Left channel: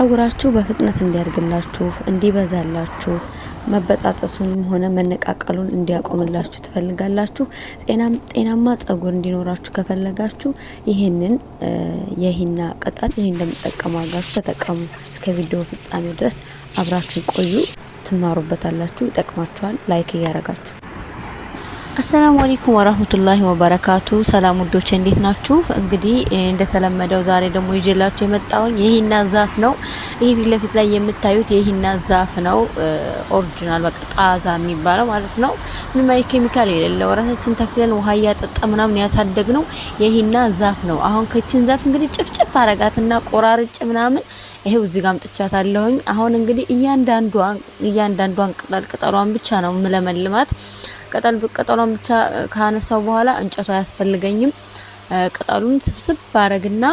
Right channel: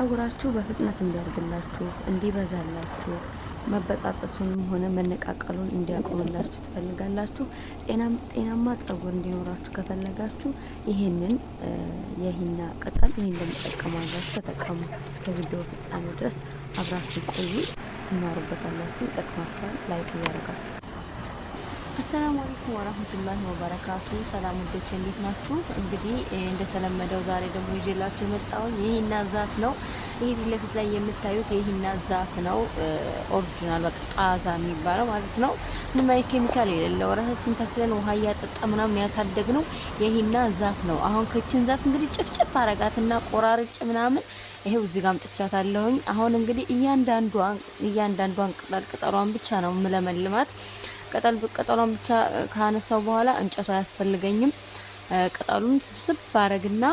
ጸጉራችሁ በፍጥነት እንዲያድግላችሁ እንዲበዛላችሁ መበጣጠሱንም ሆነ መነቃቀሉን እንዲያቆምላችሁ ትፈልጋላችሁ። ጤናማ ጸጉር እንዲኖራችሁ ከፈለጋችሁ ይህንን የሂና ቅጠል እኔ እንደምጠቀመው አድርጋችሁ ተጠቀሙ። እስከ ቪዲዮ ፍጻሜ ድረስ አብራችሁ ቆዩ። ትማሩበታላችሁ፣ ይጠቅማችኋል። ላይክ እያረጋችሁ አሰላሙ አለይኩም ወራህመቱላሂ ወበረካቱ። ሰላም ውዶቼ እንዴት ናችሁ? እንግዲህ እንደተለመደው ዛሬ ደግሞ ይዤላችሁ የመጣሁኝ የሂና ዛፍ ነው። ይሄ ፊት ለፊት ላይ የምታዩት የሂና ዛፍ ነው። ኦሪጂናል በቃ ጣዛ የሚባለው ማለት ነው። ምንም አይነት ኬሚካል የሌለው ራሳችን ተክለን ውሃ እያጠጣ ምናምን ያሳደግነው የሂና ዛፍ ነው። አሁን ከችን ዛፍ እንግዲህ ጭፍጭፍ አረጋትና ቆራርጭ ምናምን ይሄው እዚህ ጋር አምጥቻታለሁኝ። አሁን እንግዲህ እያንዳንዷን ቅጠሏን ብቻ ነው ምለመልማት። ቅጠሏን ብቻ ካነሳው በኋላ እንጨቷ አያስፈልገኝም። ቅጠሉን ስብስብ ባረግና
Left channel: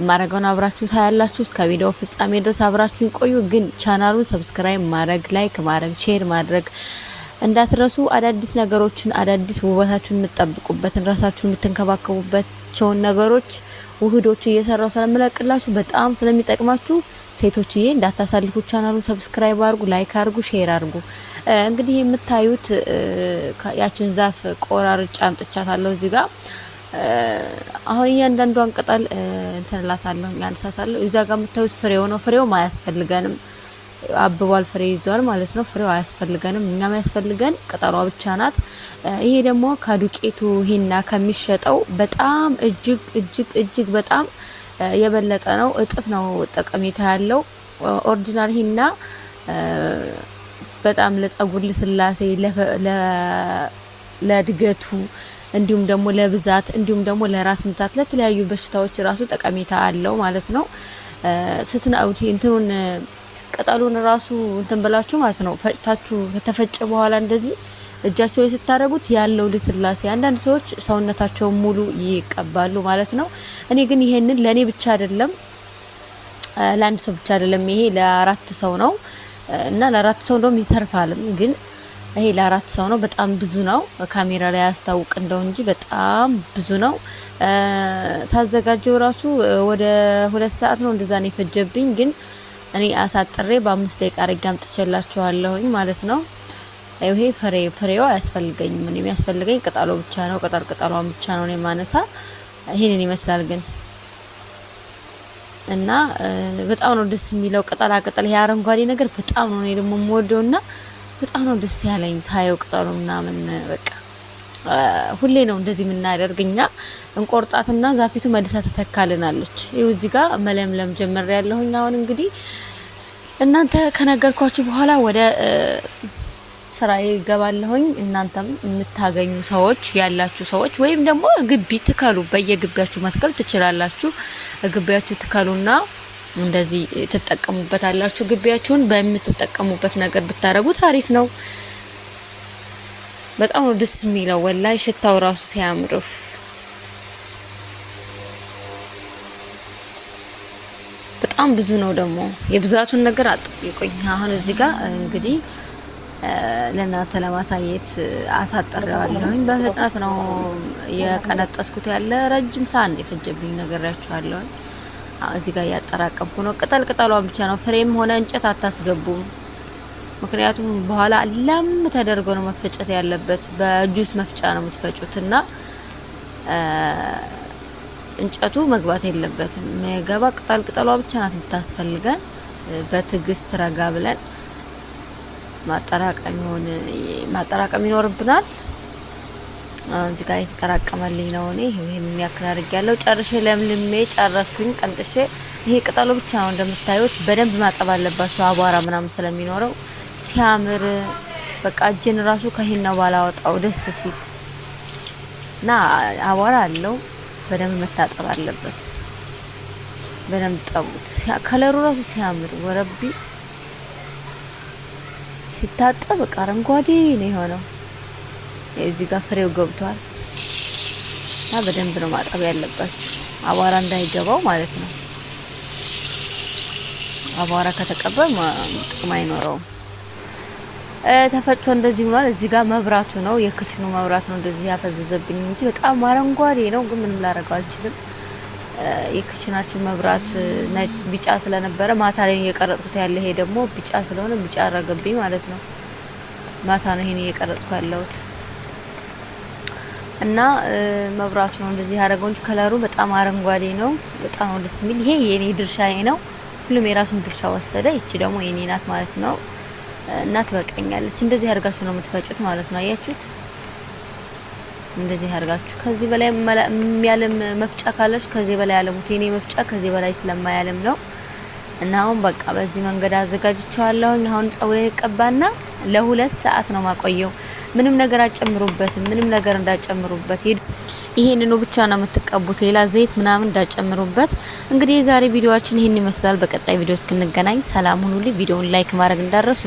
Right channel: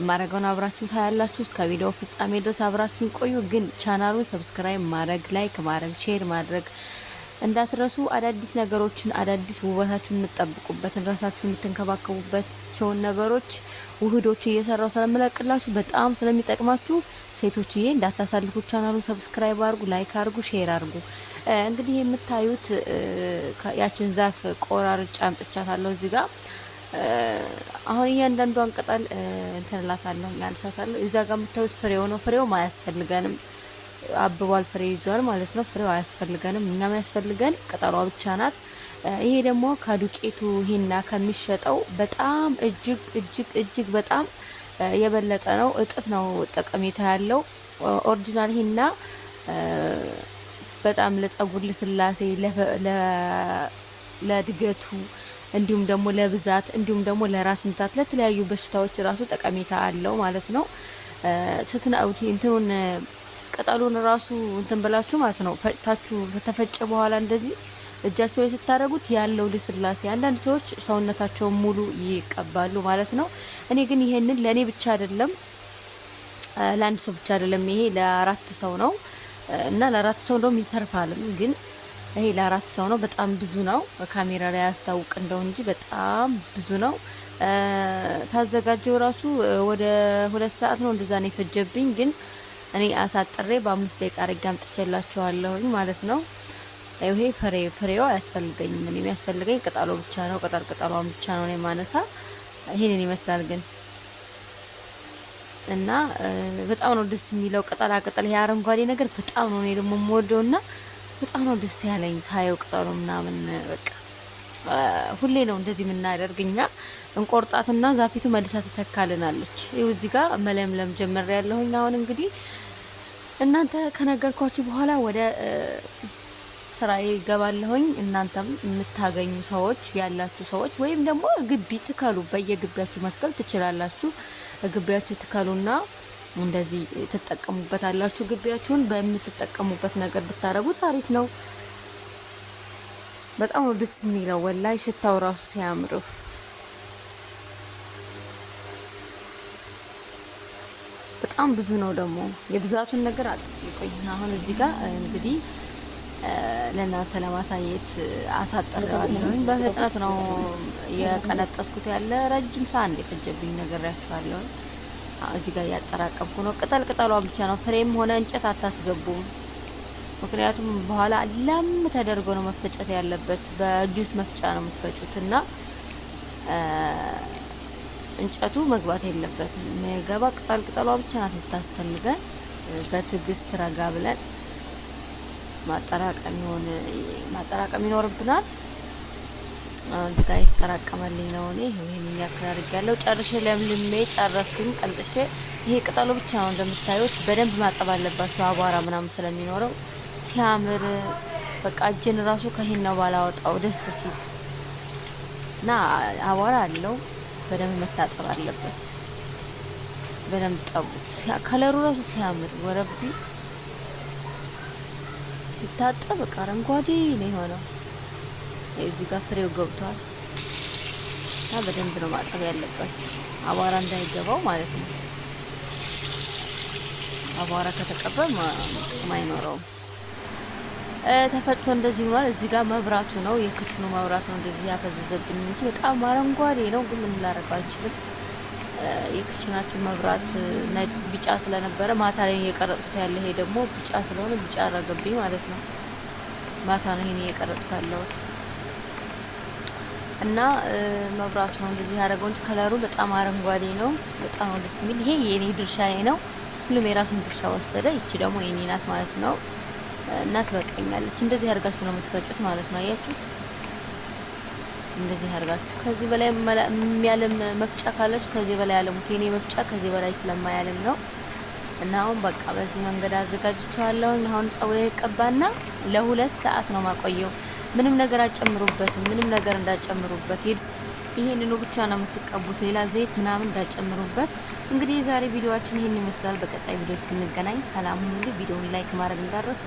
ማረጋውን አብራችሁ ታያላችሁ። እስከ ቪዲዮ ፍጻሜ ድረስ አብራችሁን ቆዩ። ግን ቻናሉን ሰብስክራይብ ማድረግ፣ ላይክ ማድረግ፣ ሼር ማድረግ እንዳትረሱ። አዳዲስ ነገሮችን አዳዲስ ውበታችሁን የምትጠብቁበትን ራሳችሁን የምትንከባከቡባቸውን ነገሮች ውህዶች እየሰራው ስለምለቅላችሁ በጣም ስለሚጠቅማችሁ ሴቶችዬ እንዳታሳልፉ። ቻናሉን ሰብስክራይብ አድርጉ፣ ላይክ አድርጉ፣ ሼር አድርጉ። እንግዲህ የምታዩት ያችን ዛፍ ቆራርጬ አምጥቻታለሁ እዚህ ጋር። አሁን እያንዳንዷን ቅጠል እንትንላታለሁ ያንሳታለሁ። እዛ ጋር የምታዩት ፍሬው ነው። ፍሬው አያስፈልገንም፣ አብቧል፣ ፍሬ ይዟል ማለት ነው። ፍሬው አያስፈልገንም፣ እኛም ያስፈልገን ቅጠሏ ብቻ ናት። ይሄ ደግሞ ከዱቄቱ ሂና ከሚሸጠው በጣም እጅግ በጣም የበለጠ ነው፣ እጥፍ ነው ጠቀሜታ ያለው። ኦሪጂናል ሂና በጣም ለጸጉር ልስላሴ፣ ለእድገቱ እንዲሁም ደግሞ ለብዛት እንዲሁም ደግሞ ለራስ ምታት ለተለያዩ በሽታዎች ራሱ ጠቀሜታ አለው ማለት ነው። ስትናውቲ እንትኑን ቅጠሉን ራሱ እንትን ብላችሁ ማለት ነው ፈጭታችሁ ከተፈጨ በኋላ እንደዚህ እጃቸው ላይ ስታደርጉት ያለው ልስላሴ አንዳንድ ሰዎች ሰውነታቸው ሙሉ ይቀባሉ ማለት ነው። እኔ ግን ይሄንን ለኔ ብቻ አይደለም ለአንድ ሰው ብቻ አይደለም፣ ይሄ ለአራት ሰው ነው እና ለአራት ሰው እንደውም ይተርፋልም። ግን ይሄ ለአራት ሰው ነው። በጣም ብዙ ነው። ካሜራ ላይ ያስታውቅ እንደው እንጂ በጣም ብዙ ነው። ሳዘጋጀው ራሱ ወደ 2 ሰዓት ነው እንደዛ ነው የፈጀብኝ። ግን እኔ አሳጥሬ በ5 ደቂቃ አድርጌ አምጥቼላችኋለሁኝ ማለት ነው። ይሄ ፍሬው አያስፈልገኝም። ምን የሚያስፈልገኝ ቅጠሉ ብቻ ነው። ቅጠሏን ብቻ ነው የማነሳ። ይሄንን ይመስላል ግን እና በጣም ነው ደስ የሚለው ቅጠላ ቅጠል። ይሄ አረንጓዴ ነገር በጣም ነው እኔ ደግሞ የምወደውና በጣም ነው ደስ ያለኝ ሳየው ቅጠሉ ምናምን። በቃ ሁሌ ነው እንደዚህ የምናደርግኛ። እንቆርጣትና ዛፊቱ መልሳ ተተካልናለች። ይኸው እዚህ ጋር መለምለም ጀመር ያለሁኝ። አሁን እንግዲህ እናንተ ከነገርኳችሁ በኋላ ወደ ስራዬ ይገባለሁኝ። እናንተም የምታገኙ ሰዎች ያላችሁ ሰዎች ወይም ደግሞ ግቢ ትከሉ፣ በየግቢያችሁ መትከል ትችላላችሁ። ግቢያችሁ ትከሉና እንደዚህ ትጠቀሙበታላችሁ። ግቢያችሁን በምትጠቀሙበት ነገር ብታረጉት አሪፍ ነው። በጣም ነው ደስ የሚለው ወላይ ሽታው ራሱ ሲያምር። በጣም ብዙ ነው ደግሞ የብዛቱን ነገር አጥብቁኝ። አሁን እዚህ ጋር እንግዲህ ለእናንተ ለማሳየት አሳጥሬዋለሁኝ። በፍጥነት ነው የቀነጠስኩት። ያለ ረጅም ሰዓት እንደፈጀብኝ ነገራችኋለሁ። እዚህ ጋር ያጠራቀምኩ ነው። ቅጠሏን ብቻ ነው። ፍሬም ሆነ እንጨት አታስገቡም። ምክንያቱም በኋላ ለም ተደርጎ ነው መፈጨት ያለበት። በጁስ መፍጫ ነው የምትፈጩትና እንጨቱ መግባት የለበትም። የሚገባ ቅጠሏ ብቻ ናት የምታስፈልገን። በትዕግስት ረጋ ብለን ማጠራቀም ይኖርብናል። እዚህ ጋር የተጠራቀመልኝ ነው። እኔ ይሄንን ያክል አድርጌያለሁ። ጨርሼ ለምልሜ ጨረስኩኝ ቀንጥሼ። ይሄ ቅጠሉ ብቻ ነው እንደምታዩት። በደንብ ማጠብ አለባችሁ አቧራ ምናምን ስለሚኖረው። ሲያምር በቃ እጄን ራሱ ከሂናው ባላወጣው ደስ ሲል እና አቧራ አለው። በደንብ መታጠብ አለበት። በደንብ ጠቡት። ከለሩ ራሱ ሲያምር ወረቢ ሲታጠብ በቃ አረንጓዴ ነው የሆነው። እዚህ ጋር ፍሬው ገብቷል እና በደንብ ነው ማጠብ ያለባችሁ አቧራ እንዳይገባው ማለት ነው። አቧራ ከተቀባ ጥቅም አይኖረውም። ተፈጭቶ እንደዚህ ሆኗል። እዚህ ጋር መብራቱ ነው የክችኑ መብራት ነው እንደዚህ ያፈዘዘብኝ እንጂ በጣም አረንጓዴ ነው። ግን ምን ላደርገው አልችልም። የክችናችን መብራት ቢጫ ስለነበረ ማታ ላይ እየቀረጥኩት ያለ ይሄ ደግሞ ቢጫ ስለሆነ ቢጫ አረገብኝ ማለት ነው። ማታ ነው ይሄን እየቀረጥኩ ያለሁት እና መብራቱ ነው እንደዚህ ያደረገው እንጂ ከለሩ በጣም አረንጓዴ ነው። በጣም ደስ የሚል ይሄ የኔ ድርሻዬ ነው። ሁሉም የራሱን ድርሻ ወሰደ። እቺ ደግሞ የኔ ናት ማለት ነው እና ትበቃኛለች። እንደዚህ አድርጋችሁ ነው የምትፈጩት ማለት ነው። አያችሁት? እንደዚህ አድርጋችሁ ከዚህ በላይ የሚያለም መፍጫ ካላችሁ ከዚህ በላይ ያለሙት። የኔ መፍጫ ከዚህ በላይ ስለማያለም ነው እና አሁን በቃ በዚህ መንገድ አዘጋጅቻለሁ። አሁን ጸጉሬን ቀባና ለ2 ሰዓት ነው ማቆየው። ምንም ነገር አጨምሩበት፣ ምንም ነገር እንዳጨምሩበት። ይሄንኑ ብቻ ነው የምትቀቡት፣ ሌላ ዘይት ምናምን እንዳጨምሩበት። እንግዲህ የዛሬ ቪዲዮአችን ይሄን ይመስላል። በቀጣይ ቪዲዮ እስክንገናኝ ሰላም ሁኑልኝ። ቪዲዮውን ላይክ ማድረግ እንዳትረሱ።